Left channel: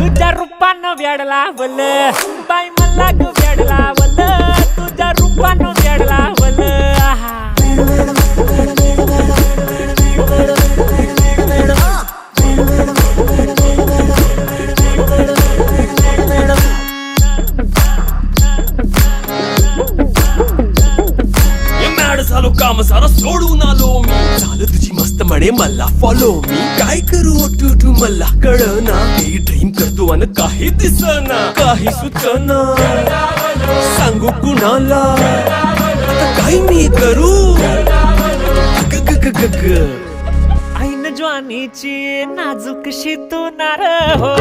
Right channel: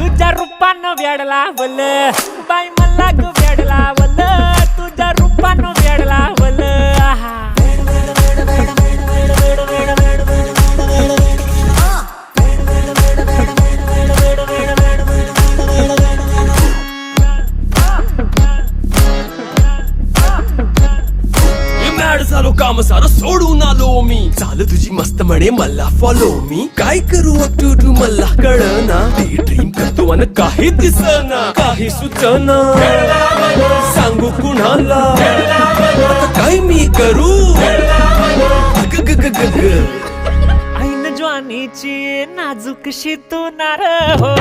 तुझ्या रूपानं वेड लावल बाई मला ग वेड लावल तुझ्या रूपानं वेड लावल आहा झालो काम सारं सोडून आलो मी झालं तुझी मस्त म्हणे मला फॉलो मी काय करू तू मला कळना ते ड्रीम करतो आणि काही दिसना काही सुचना सांगू कुणाला आता काय मी करू ग ग ग ग ग ऐन ज्वानीची नाजूक शी तू नार हो